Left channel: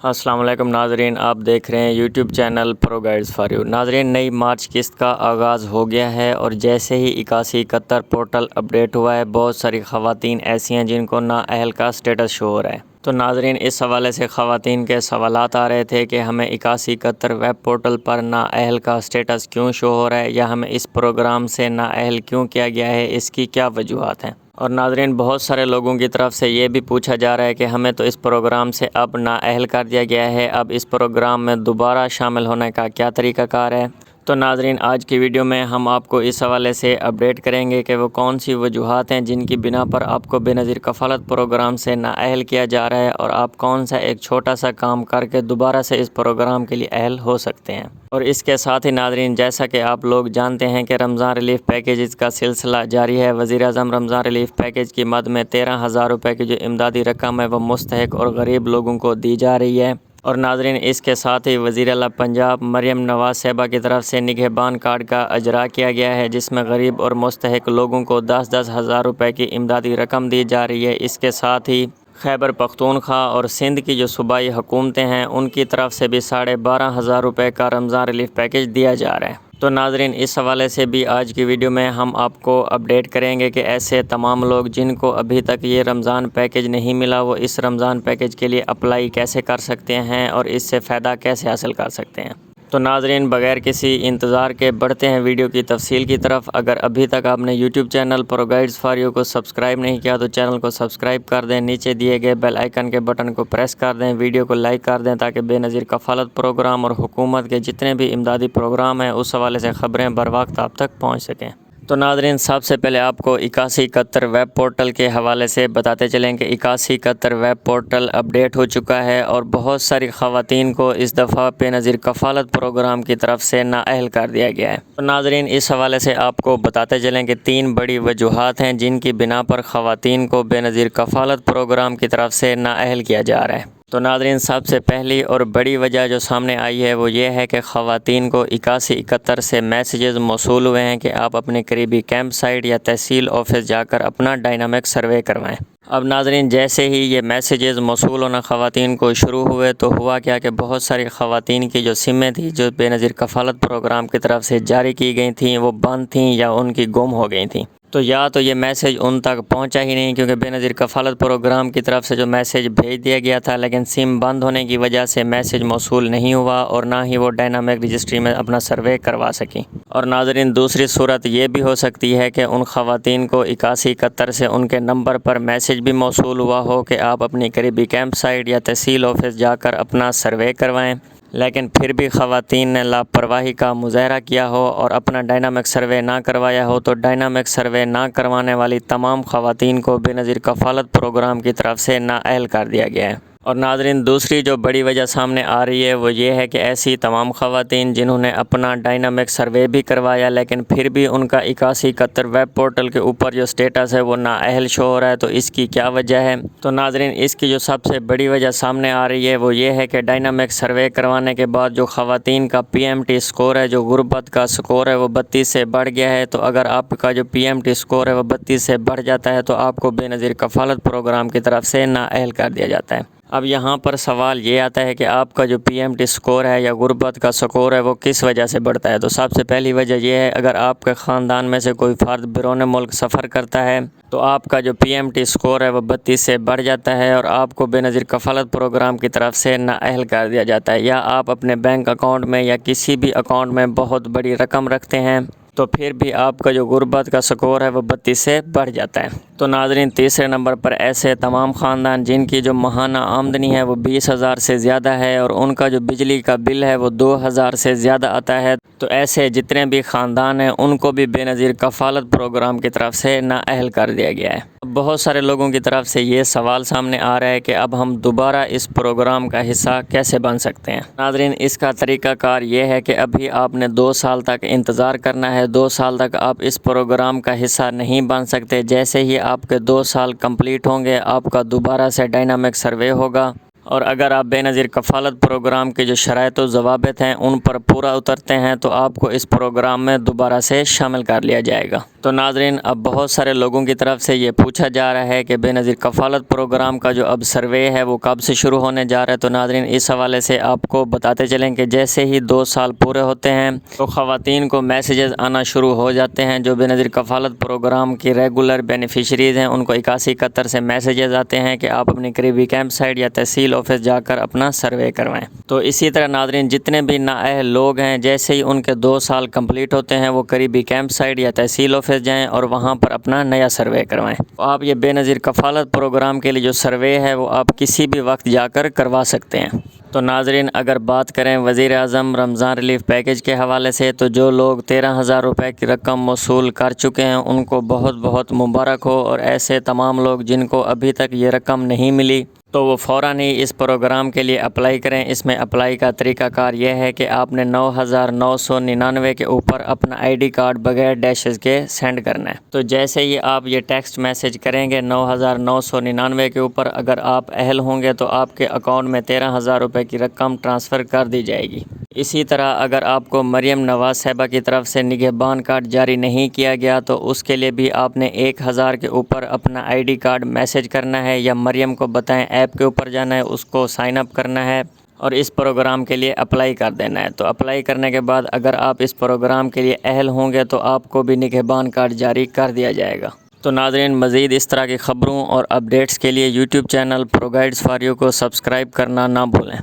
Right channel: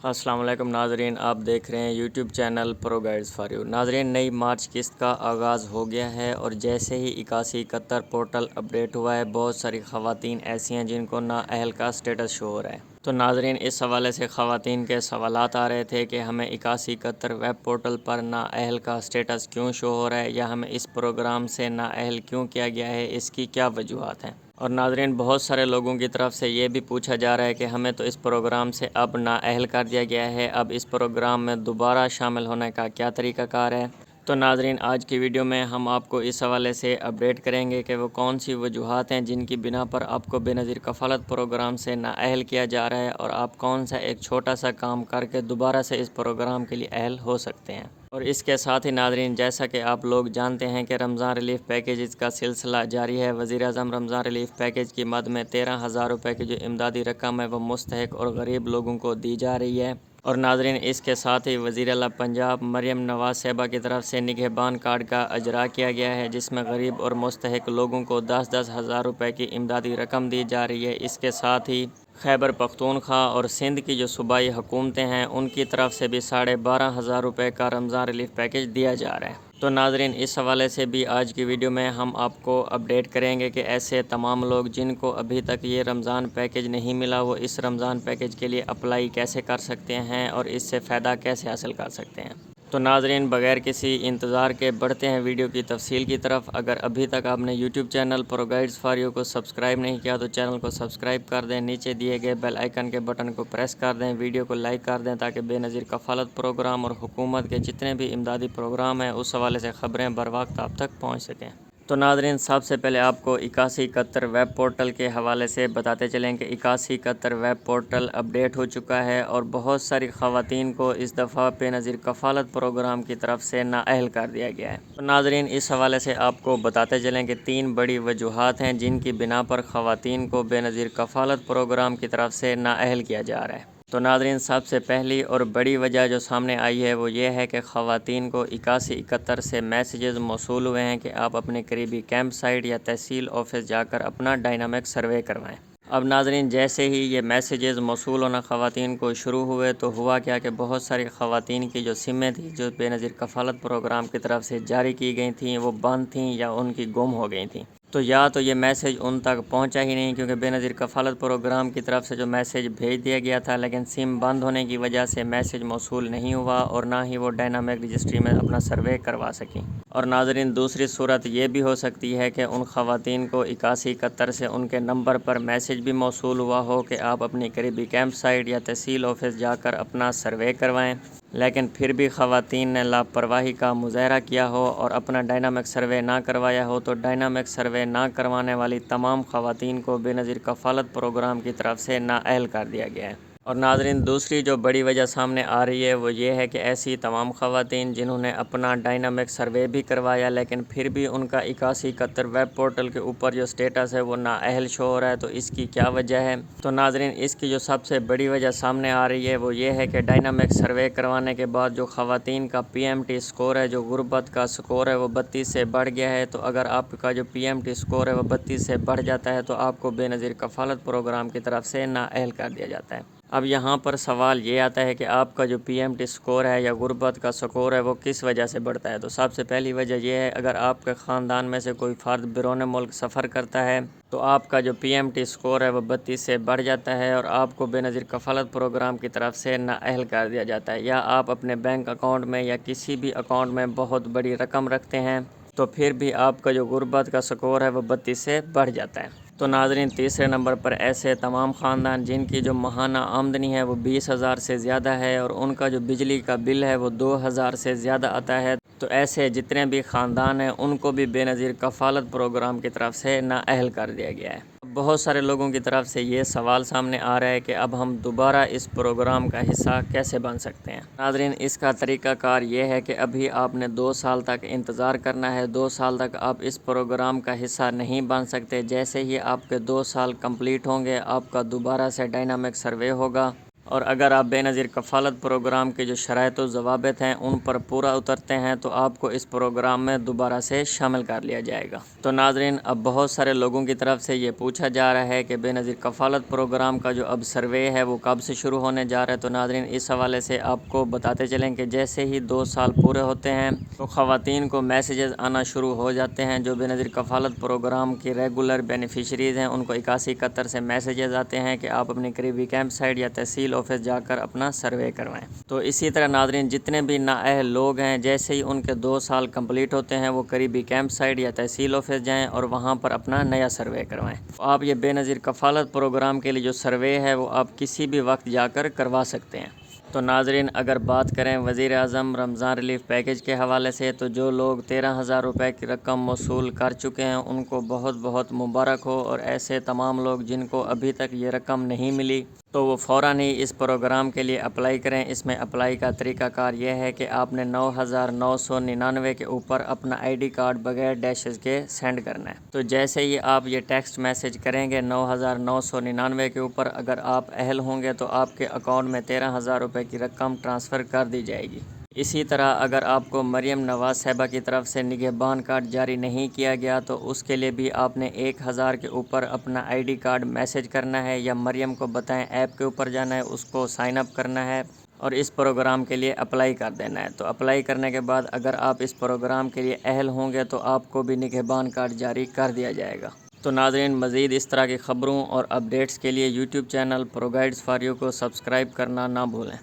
السلام علیکم ناظرین، آپ دیکھ رہے ہیں YouTube channel pro guides for you. ناظرین، نئی مارچ قسط کا آغاز ہو گیا ہے اور جیسے ہی 8171 پورٹل اپڈیٹ ہوا ہے، بہت ساری خواتین ایسی ہیں جن کو نااہل کا سٹیٹس شو ہو رہا ہے۔ تو ناظرین، اس حوالے سے خواتین کے سوالات آ رہے تھے کہ ہمیں 8171 ویب پورٹل پر نااہل کا سٹیٹس کیوں شو ہو رہا ہے، یا ہمیں اس پروگرام سے نااہل کیوں کیا گیا ہے، اس کی کیا وجوہات ہیں۔ اور ناظرین، بہت سارے لوگوں کی طرف سے یہ بھی پوچھا جا رہا ہے کہ ہمیں تو اس پروگرام سے اب نااہل کر دیا گیا ہے، اب اس پروگرام میں دوبارہ شامل ہونے کا کیا طریقہ کار ہے۔ تو ناظرین، آج کی ویڈیو میں ہم آپ کو اس حوالے سے اپڈیٹ کریں گے کہ وہ کون سی وجوہات ہیں جن کی بنا پر آپ کو بے نظیر کفالت پروگرام سے نااہل کیا جا رہا ہے، اور آپ کون سا ایک چھوٹا سا کام کر کے دوبارہ سے اس پروگرام کے لیے اہل ہو سکتے ہیں۔ اور اس کے ساتھ ہی ناظرین، جیسا کہ آپ لوگ جانتے ہیں کہ رمضان ریلیف پیکیجز کا سلسلہ جاری ہے۔ وزیر اعظم رمضان ریلیف پیکیج کی مد میں 13,000 روپے کی جو امدادی رقم ہے وہ مستحق اور غریب لوگوں کو دی جا رہی ہے۔ اور ناظرین، اس کے ساتھ ہی وزیر اعلیٰ پنجاب مریم نواز صاحبہ کی طرف سے نگہبان کارڈ کا اجرا کیا گیا ہے، جس میں غریب اور مستحق لوگوں کو 10,000 روپے کی امدادی رقم دی جا رہی ہے۔ اس کے ساتھ ہی خیبر پختونخوا اور سندھ کی جو صوبائی حکومتیں ہیں ان کی طرف سے بھی 12,500 روپے کا رمضان ریلیف پیکیج دیا جا رہا ہے۔ تو ناظرین، اس حوالے سے بھی آج کی ویڈیو میں ہم آپ کو اپڈیٹ کریں گے کہ ایسے تمام لوگ جن کو ابھی تک یہ رمضان پیکیج نہیں ملا، وہ اس رمضان پیکیج کے لیے اپلائی کیسے کر سکتے ہیں اور اس سے فائدہ کیسے حاصل کر سکتے ہیں۔ تو ناظرین، بغیر کسی انتظار کے بڑھتے ہیں ویڈیو کی تفصیل کی طرف۔ اگر ابھی تک آپ نے YouTube channel pro guides for you کو سبسکرائب نہیں کیا تو چینل کو سبسکرائب کر دیں، نیچے دیے گئے بیل آئیکن کے بٹن کو پریس کر دیں، ویڈیو کو لائک کر دیں تاکہ بے نظیر کفالت پروگرام اور حکومت کے جتنے بھی امدادی پروگرام ہیں اس حوالے سے خبریں بر وقت آپ تک پہنچ سکیں۔ تو ناظرین، سب سے پہلے آپ کو 8171 ویب پورٹل کے حوالے سے بتاتے چلیں کہ 8171 ویب پورٹل اپڈیٹ ہو چکا ہے اور بہت ساری خواتین کو اس دفعہ بے نظیر کفالت پروگرام کی طرف سے نااہل کر دیا گیا ہے۔ تو ناظرین، اس حوالے سے آپ کو بتاتے چلیں کہ 3 بڑی وجوہات ہیں جن کی بنا پر خواتین کو بے نظیر کفالت پروگرام کی طرف سے نااہل کیا جا رہا ہے۔ تو ناظرین، سب سے پہلی اور بڑی وجہ جو سامنے آئی ہے وہ یہ ہے کہ خواتین کو 8171 سے میسیجز موصول ہوئے ہیں کہ آپ اپنے قریبی کیمپ سائٹ یا تحصیل آفس جا کر اپنا ڈائنامک سروے کروائیں۔ اب ناظرین، جیسے ہی یہ میسیجز موصول ہونا خواتین کو شروع ہوئے تو ہوا کیا کہ بہت ساری خواتین کی جو سمیں تھیں جو بے نظیر کفالت پروگرام کی طرف سے جاری کی گئی تھیں وہ بند تھیں یا ان کی گم ہو گئی تھیں۔ تو یا تو یہ میسیج ان تک پہنچا ہی نہیں، کیونکہ بے نظیر کفالت پروگرام کی طرف سے جو میسیج بھیج دیا گیا تھا لیکن سم بند ہونے کی وجہ سے میسیج موصول نہیں ہوا اور نہ ہی وہ ڈائنامک رجسٹری میں اپنا سروے کروا سکیں۔ اور ناظرین، دوسری صورت یہ بھی ہو سکتی ہے کہ ان خواتین کو 8171 سے ان کے نمبر پر میسیج بھی موصول ہوا ہو کہ آپ اپنی قریبی کیمپ سائٹ یا تحصیل آفس جا کر اپنا سروے کروائیں، لیکن پھر بھی خواتین نے لاپرواہی کا مظاہرہ کیا ہو اور اپنا ڈائنامک سروے نہ کروایا ہو، تو ڈائنامک سروے نہ کروانے والی تمام خواتین کو بے نظیر کفالت پروگرام کی طرف سے نااہل کر دیا گیا ہے۔ اور ناظرین، دوسری جو بڑی وجہ سامنے آ رہی ہے وہ یہ ہے کہ ایسی تمام خواتین جنہوں نے اپنا ڈائنامک سروے بھی کروایا لیکن پھر بھی ان کا 8171 ویب پورٹل کے اوپر جو سٹیٹس ہے وہ نااہل شو ہو رہا ہے، تو اس کی کیا وجہ ہے؟ تو ناظرین، اس کی جو سب سے بڑی وجہ سامنے آ رہی ہے وہ یہ ہے کہ ڈائنامک سروے کروانے کے بعد جو خواتین کا PMT سکور ہے، جو غربت کا سکور ہے، وہ 32 سے بڑھ گیا ہے۔ تو اگر آپ کا جو PMT سکور ہے وہ 32 سے بڑھ جاتا ہے تو آپ کو بے نظیر کفالت پروگرام کی طرف سے نااہل کر دیا جاتا ہے۔ اب یہاں پر سوال یہ آتا ہے کہ آپ کا جو PMT سکور ہے یا غربت کا سکور ہے وہ کس وجہ سے بڑھتا ہے؟ تو سب سے پہلی وجہ یہ ہے، اگر آپ کے خاندان میں سے کوئی فرد بیرون ملک سفر کرتا ہے تو آپ کا جو PMT سکور ہے وہ 32 سے بڑھ جاتا ہے اور آپ کو بے نظیر کفالت پروگرام کی طرف سے نااہل کر دیا جاتا ہے۔ یا آپ اپنے بینک اکاؤنٹ میں یا کسی بھی اکاؤنٹ میں بہت بڑی رقم رکھتے ہیں تو پھر بھی آپ کا جو غربت کا سکور ہے وہ 32 سے بڑھ جاتا ہے۔ تو ناظرین، تیسرے نمبر پر ایسے تمام خاندان جن کی جو ماہانہ آمدنی ہے وہ 20,000 سے زیادہ ہے اور ان کا جو بجلی کا بل ہے وہ 2,000 سے زیادہ آتا ہے، تو ایسے جتنے بھی خاندان ہیں ان کو بھی بے نظیر کفالت پروگرام کی طرف سے نااہل کر دیا گیا ہے۔ بہت سارے لوگوں کی طرف سے یہ سوال سامنے آ رہا ہے کہ اب ہم دوبارہ اس پروگرام کا حصہ کیسے بن سکتے ہیں؟ ناظرین، اس کا طریقہ کار یہ ہے کہ ابھی آپ نے 2 سال تک انتظار کرنا ہے۔ 2 سال تک آپ اس پروگرام کا حصہ نہیں بن سکتے۔ جیسے ہی آپ کے 2 سال کمپلیٹ ہوں گے آپ کا دوبارہ سے ڈائنامک سروے ہوگا، اور اگر آپ بے نظیر کفالت پروگرام کے جو شرائط و ضوابط ہیں ان پر پورا اترتے ہیں تو آپ کو اس پروگرام میں دوبارہ سے شامل کر لیا جائے گا۔ تو ناظرین اب بہت سارے لوگوں کی طرف سے یہ پوچھا جا رہا ہے کہ بے نظیر کفالت پروگرام کا جو اب سروے ہے وہ کب سے شروع ہونے جا رہا ہے۔ تو ناظرین اس حوالے سے آپ کو بتاتے چلیں کہ جیسے ہی 2 سال پورے ہوتے ہیں تو خواتین کو میسیجز آنا شروع ہو جاتے ہیں۔ جو بے نظیر کفالت پروگرام کی ریگولر بینیفیشریز ہیں ان کو 8171 سے میسیجز آتے ہیں کہ آپ اپنی قریبی کیمپ سائٹ یا تحصیل آفس جا کر اپنا سروے کروائیں۔ تو اسی طرح ناظرین جتنے بھی نااہل لوگ ہیں جیسے ہی ان کے 2 سال کمپلیٹ ہوتے ہیں وہ قریبی کیمپ سائٹ یا تحصیل آفس جائیں اور وہاں پر اپنا نیا سروے کروائیں۔ آپ یہ بے نظیر کفالت پروگرام کے لیے جو سروے ہے وہ آپ کسی بھی وقت جا کر کروا سکتے ہیں۔ تو ناظرین اگر بات کریں وزیر اعظم رمضان ریلیف پیکیج کے حوالے سے تو جو لوگ 13,000 روپے کی رقم موصول کر چکے ہیں ان کو بہت بہت مبارک ہو، اور ایسے تمام لوگ جن کو ابھی تک یہ رقم نہیں ملی تو وہ فوراً ہی اس پروگرام کے لیے اپلائی کریں۔ اس میں اپلائی کا طریقہ کار یہ ہے کہ آپ نے 9,999 کے اوپر اپنا ID کارڈ بغیر ڈیشز کے سینڈ کرنا ہے۔ تو جیسے ہی آپ یہ ٹیکسٹ میسیج کریں گے 9,999 کے اوپر، اگر آپ اہل ہوں گے تو آپ کے اکاؤنٹ میں 13,000 روپے کی رقم ٹرانسفر کر دی جائے گی۔ اسی طرح اگر آپ کو مریم نواز صاحبہ کی طرف سے نگہبان کارڈ جاری نہیں کیا گیا تو اس کے لیے بھی آپ نے 1,000 کے اوپر اپنا ID کارڈ میسیج کرنا ہے، یا مریم کو بتائیں ایپ کے اوپر جانا ہے، اس کو سائن اپ کرنا ہے اور اس پروگرام کے لیے اپلائی کر دینا ہے۔ تو اپلائی کرنے کے بعد اگر آپ اس پروگرام کے لیے اہل ہوں گے تو آپ کو بھی نگہبان کارڈ جاری کر دیا جائے گا۔ تو ناظرین مزید اس طرح کی خبروں اور اپڈیٹس کے لیے YouTube channel pro guides for you کو سبسکرائب کرنا نہ بھولیں۔